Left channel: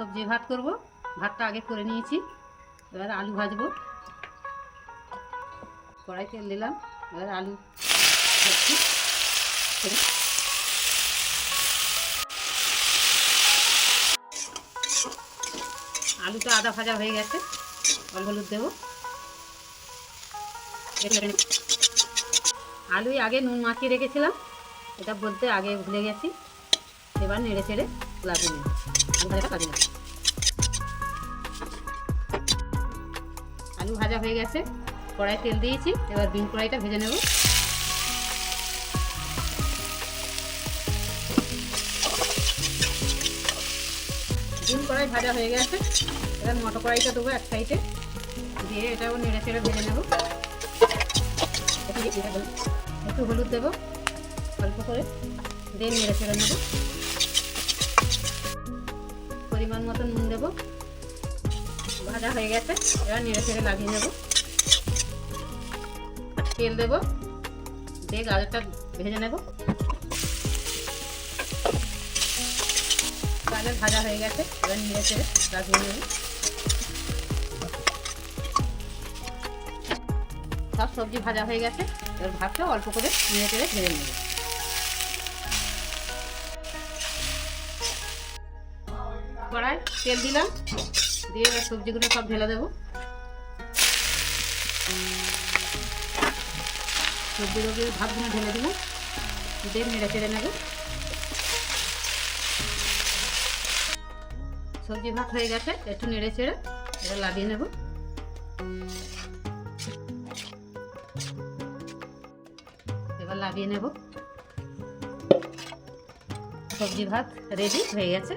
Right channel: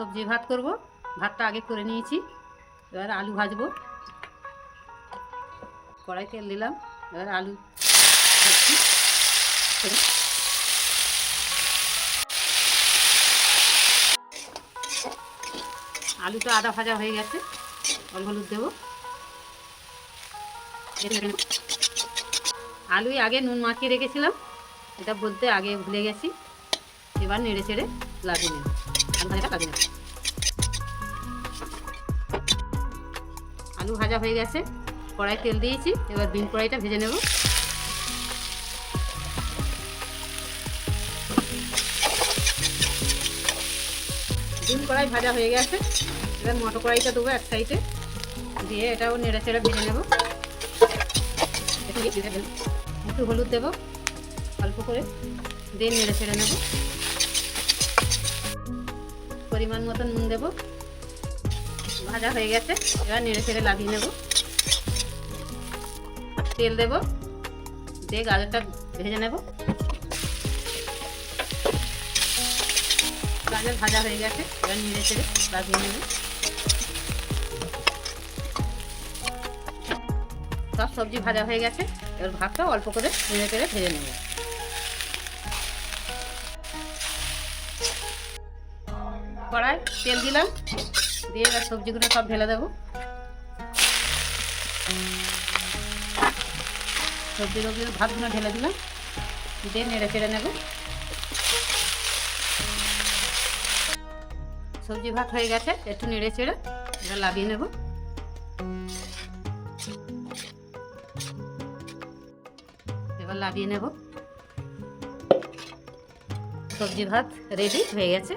সবজি ভাত করব। ভাতটা আগে করে নিয়েছি, এবার আলু ভাজবো। কড়াই তেল দিলাম, এবার আলু ভাজছি। আলুটা আধা ভাজা হয়ে গেছে, হলুদ দেবো। আলুই আগে নুন মাখিয়ে রেখেছিলাম, এটা বলতে আগে ভুলে গেছি। এবার নেড়ে চেড়ে লাগিয়ে নেব, আলু ভাজাটা লাগিয়ে নেব। আলু ভাজা হয়ে গেছে, কড়াই তেল দিয়েছি, এবার বিন কড়াইটা ভেজে নেব। বিন কড়াই ভাজা হয়ে গেছে, এবার মটর কড়াইটা দেবো এক সাইডে, দিয়ে এটাও নেড়ে চেড়ে ভেজে নেব। একটু হলুদ দেবো অল্প করে, দিয়ে নেড়ে চেড়ে নেব। পরিমাণ মতো নুন দেবো। ভাজা হয়ে গেছে, এবার নেড়ে চেড়ে লাগিয়ে নেব। তেল দেবো, দিয়ে গাজরটা ভেজে নেব। গাজর ভাজা হয়ে গেছে, এবার নেড়ে চেড়ে লাগিয়ে নেব। সব সবজি ভাজা হয়ে গেছে, এবার ভাতটা অল্প করে নেড়ে চেড়ে ভেজে নেব। কড়াই তেল দিলাম, দিয়ে এবার সবজিগুলো সব ঢেলে দেবো। সবজিগুলো ভাতগুলো ঢেলে দিলাম, দিয়ে নেড়ে চেড়ে নেব। সবজি ভাত হয়ে গেছে, একটু নেড়ে চেড়ে এবার লাগিয়ে নেব। এবার লাগিয়ে নেব। সবজি ভাত রেডি হয়ে গেছে।